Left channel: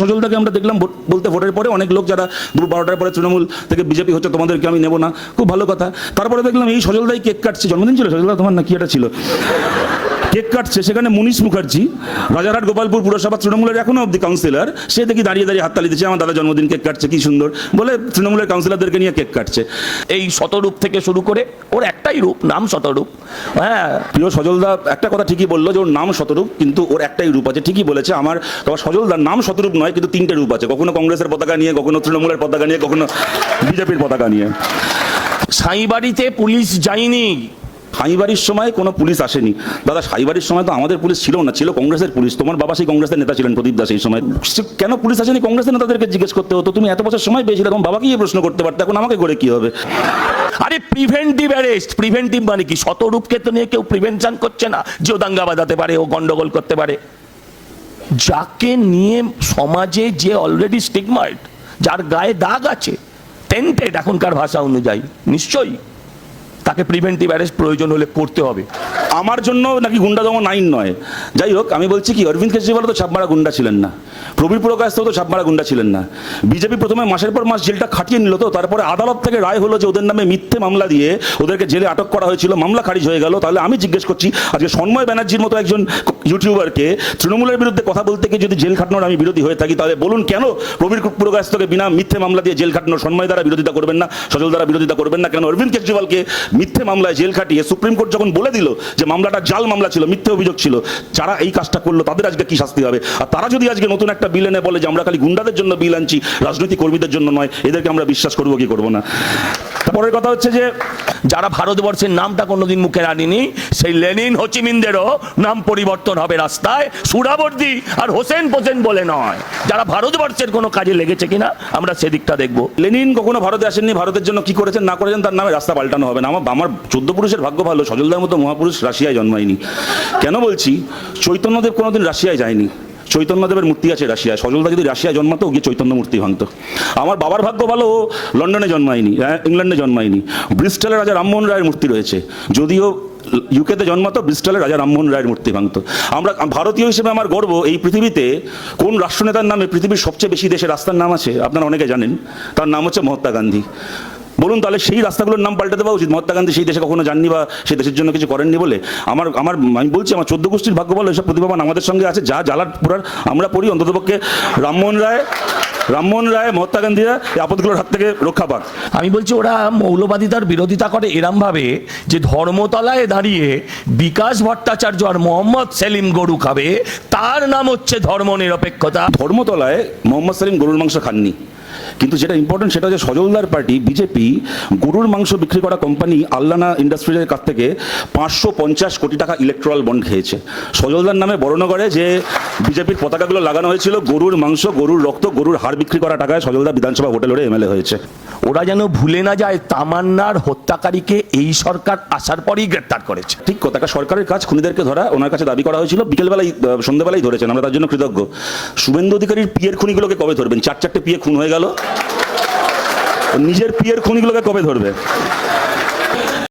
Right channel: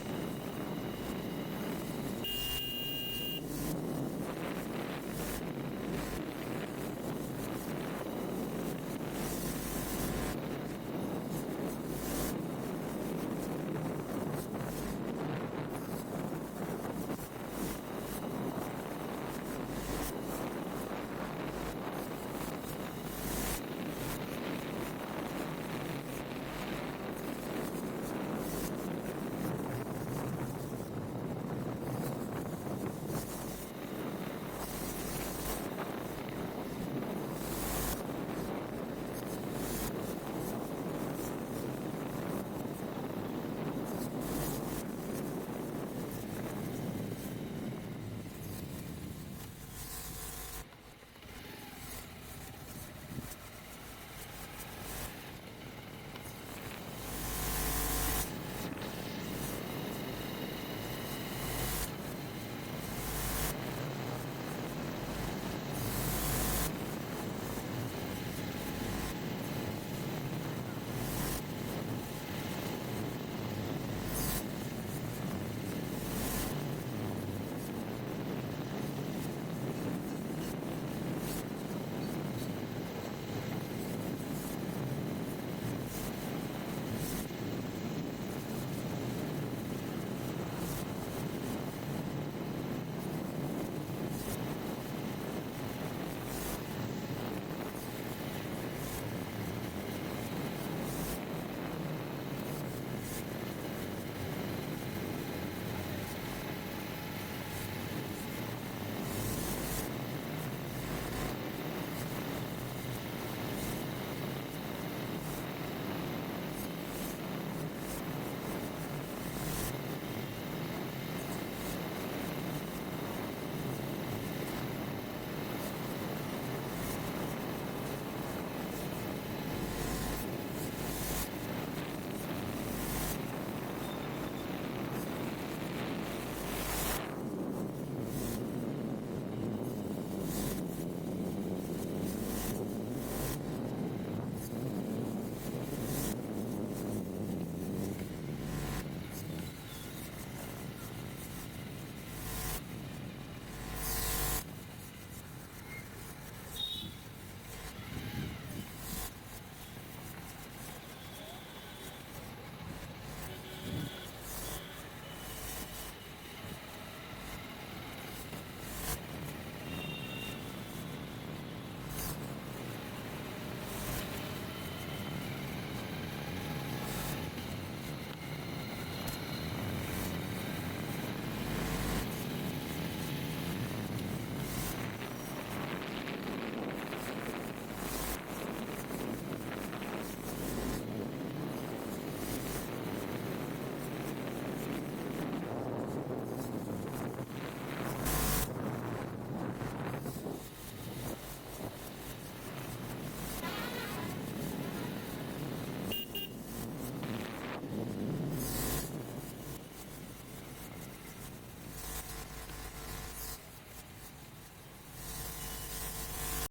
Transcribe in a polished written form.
সজলদাকে আমরা দেখলাম বলতে ভোটের পরে অনেক লোক যারা দুপুর 12টার পরে তৃণমূল থেকে বিজেপি হচ্ছে তোমাদেরকে আমি নেব না, খুব ভালো কথা। তারপরে দেখলাম এই সজলদাই কেক কাটছে, জন্মদিন ছিল সজলদা তোমার না কি এটা ছিল, কেক কাটছে, সেখানে মুনিশ মুখার্জি রাজারহাট গোপালপুর পুরসভা তৃণমূলের এখনো অব্দি কাউন্সিলর, সে দেখি দাঁড়িয়ে দাঁড়িয়ে হাততালি দিচ্ছে, আমার দাদা জন্মদিন কেক কাটছে কি সুন্দর বলে তৃণমূলের কাউন্সিলরদেরকে নিয়ে কেক কাটছে। এই শতরূপ থেকে শুরু করে ওর একটাই রূপ, নাম শতরূপ। হ্যাঁ, প্রিয় সজলদা একটা কথা ঠিকই বললো যে ওর নাম শতরূপ, কিন্তু ওর একটাই রূপ আছে, ঠিকই বলেছে। আমার সজলদার নাম শতরূপ নয়, কিন্তু তিনটে রূপ আছে, কখনো কংগ্রেসের পতাকা নিয়ে, কখনো তৃণমূলের পতাকা নিয়ে, কখনো বিজেপির পতাকা নিয়ে। সাঁইবাড়িতে পুলিশ যায়নি, সাঁইবাড়ির সময় কোনো পুলিশ আসেনি দাদা, সাঁইবাড়ির সময় তো আমাদের পুলিশ ছিল না, ছিল কংগ্রেসের পুলিশ। তোমার বাবা সেই কংগ্রেসের নেতা ছিলেন প্রদীপ দাস, এই সময় কেন পুলিশ আসেনি কংগ্রেসের নেতাদেরকে জিজ্ঞেস করতে হতো। তুমি এত বছর সময় পেয়েছিলে, তোমার বাবাকে গিয়ে প্রশ্ন করতে পারতে, এখন আমাকে করে কি হবে? আরে প্রিভেন্টিভ অ্যারেস্ট, প্রিভেন্টিভ মানে কি? শতরূপকে তো নিয়ে কেউ প্রিভেনশন করছে না যে ও দাঙ্গা বাঁধাতে পারে, ও গন্ডগোল করতে পারে। যাকে নিয়ে সমাজে যে অলরেডি স্টিগমাইড, যার গায়ে দাগ আছে, টেন্টেড এখনকার ভাষা অনুযায়ী, নিশ্চয়ই তাকে প্রিভেন্টিভ অ্যারেস্ট প্রয়োজন হলে করতে হবে। আমার জন্য নাকি গুন্ডা দমন আইন নয়, যাই হোক আমি বলছি কি, অরবিন্দ কেজরিওয়াল তো ছাপমারা গুন্ডা ছিলেন না, প্রবীর প্রকাশ তো ছাপমারা গুন্ডা ছিলেন না। বিজেপি প্রথমে মাসের পর মাস জেলটা খাটিয়ে নিল, তো তারপরে আদালত থেকে রায় হলো যে ওদের নামে মিথ্যে মামলা দিয়ে ওদেরকে জেলে আটক করা হয়েছিল, মামলা খারিজ হয়ে গেল। তাহলে আমি জিজ্ঞেস করছি, আজকে সন্ময় ব্যানার্জির মতো একজন ইউটিউবারকে তৃণমূলের বিরুদ্ধে কথা বলতে গিয়ে যদি জেল খাটানোর আমি বিরোধী হয়ে থাকি, তাহলে বলুন কেন প্রবীর প্রকাশ তোকে বিনা মিথ্যে মামলা দিয়ে জেল খাটানোর সন্ময় দ্বারা বিরোধিতা করবেন না, সজল দ্বারা বিরোধিতা করবেন না? কেন অরবিন্দ কেজরিওয়ালকে মিথ্যে মামলায় জেল খাটিয়ে সুপ্রিম কোর্ট যখন বলে দিল যে মামলাটা জাল মামলা ছিল, মিথ্যে অভিযোগ ছিল, যারা এই কাজটা করলো তাদের আজকে কি শাস্তি হবে? আর তারা যদি আজকে নতুন একটা বিল এনে বলে যে আমরা খালি গুন্ডাদের জন্য বিল আনছি, রাজনৈতিক কর্মীদের জন্য নয়, এদেরকে আমরা বিশ্বাস করবো কি করবো না? তারপরের কথা হচ্ছে যে যারা ভারতবর্ষের নামটা কোনোদিন মুখে আনেনি, সেই লেনিন হোচিমিনদেরও নাম পরিবর্তন হবে রাস্তায়, সুরাবর্দি আর হোসেন পোসেন বলে নয়। যারা ভারতবর্ষের কোনো কাজে লেগেছে কিনা আমরা সেদিকটা দেখবো। লেনিন কখনো ভারতে আসেননি, ভারতের জন্য কি করেছেন না করেছেন তার নামে রাস্তা পাল্টানো হবে না। আমার 14 পুরুষের ভাগ্য ভালো, সজলদার মতো মহাপুরুষ রাশিয়ায় জন্মায়নি। কেন বলছি, চৈতন্যদেব কোনোদিন রাশিয়ায় যায়নি, চৈতন্যদেবের মূর্তি আছে রাশিয়ায়। সজলদা যদি রাশিয়ায় জন্মাতো, গিয়ে চৈতন্য মূর্তি ভাঙতো। আমার বাবার ভাগ্য ভালো, ও লন্ডনে জন্মায়নি, ইংল্যান্ডে জন্মায়নি। ব্রিস্টলের রাজা রামমোহন রায়ের মূর্তি রয়েছে, যদিও ইউকেতে জন্মাতো, ব্রিস্টলের রাজা রামমোহন রায়ের মূর্তি ভাঙতো। আমরা ভারতীয় হিসেবে আমার গর্ব, এই পৃথিবীতে কোন রাষ্ট্রনেতার নামে পৃথিবীর সবচেয়ে বেশি দেশের রাস্তার নাম আছে আপনারা অনেকে জানেন, তার নাম হচ্ছে মহাত্মা গান্ধী। বলুন তাহলে সেই রাস্তাগুলোর নাম পাল্টে দেওয়া উচিত। মহাত্মা গান্ধী সেই দেশে কখনো যাননি বা সেই দেশের জন্য কিছু করেননি বলে আমি বলছি আমার 14 গোষ্ঠীর ভাগ্য ভালো, এসব প্রতিভাবান আমাদের সঙ্গে আছে। যা জ্বালার পুরার আমরা পড়ি, অন্ততপক্ষে রামমোহন রায় মহাত্মা গান্ধীরা এই আপদগুলোর হাত থেকে রক্ষা পাক। আমি বলছি ওরা মৌলবাদিতার বিরোধিতা করে এরম ভাবে যে ধর্মতলায় দাঁড়িয়ে বিকাশ ভট্টাচার্য আর মোহাম্মদ সেলিম গরু খাবে, তার নাম হচ্ছে ধর্ম নিরপেক্ষতা। ধর্মতলায় মোহাম্মদ সেলিম গরুর মাংস খাননি, কিন্তু যেটা ইম্পর্টেন্ট সেটা হচ্ছে সজলদার পার্টি বিজেপি গরুর মাংস বিক্রি করা কোম্পানি আল্লানা ইন্ডাস্ট্রিজের কাছ থেকে 550 কোটি টাকা ইলেকট্রাল বন্ড খেয়েছে। সজলদার নামে বর্ণনগরে যে বিজেপির পতাকাগুলো লাগানো হয়েছিল, গরুর মাংস, গরুর রক্ত, গরুর হাড় বিক্রি করা টাকায় সজলদা বিধানসভা ভোটে লড়ে এমএলএ হয়েছে। ওরা যেন ভুলে না যায় তামান্নার হত্যাকারীকে এই সরকার আসার পরেই গ্রেপ্তার করেছে। ঠিক কথা, সরকারের কাজ খুনিদেরকে ধরা, ওনার কাছে দাবি করা হয়েছিল, বিকেলবেলায় সন্ধ্যেবেলায় ধরেছেন, আমরা তার জন্য কৃতজ্ঞ। শুভেন্দু অধিকারীর পিয়ের খুনিগুলোকে কবে ধরবেন? 4-4টে পিয়ে খুন হয়ে গেল, নিজের পিয়ের খুনিগুলোকে কবে ধরবে?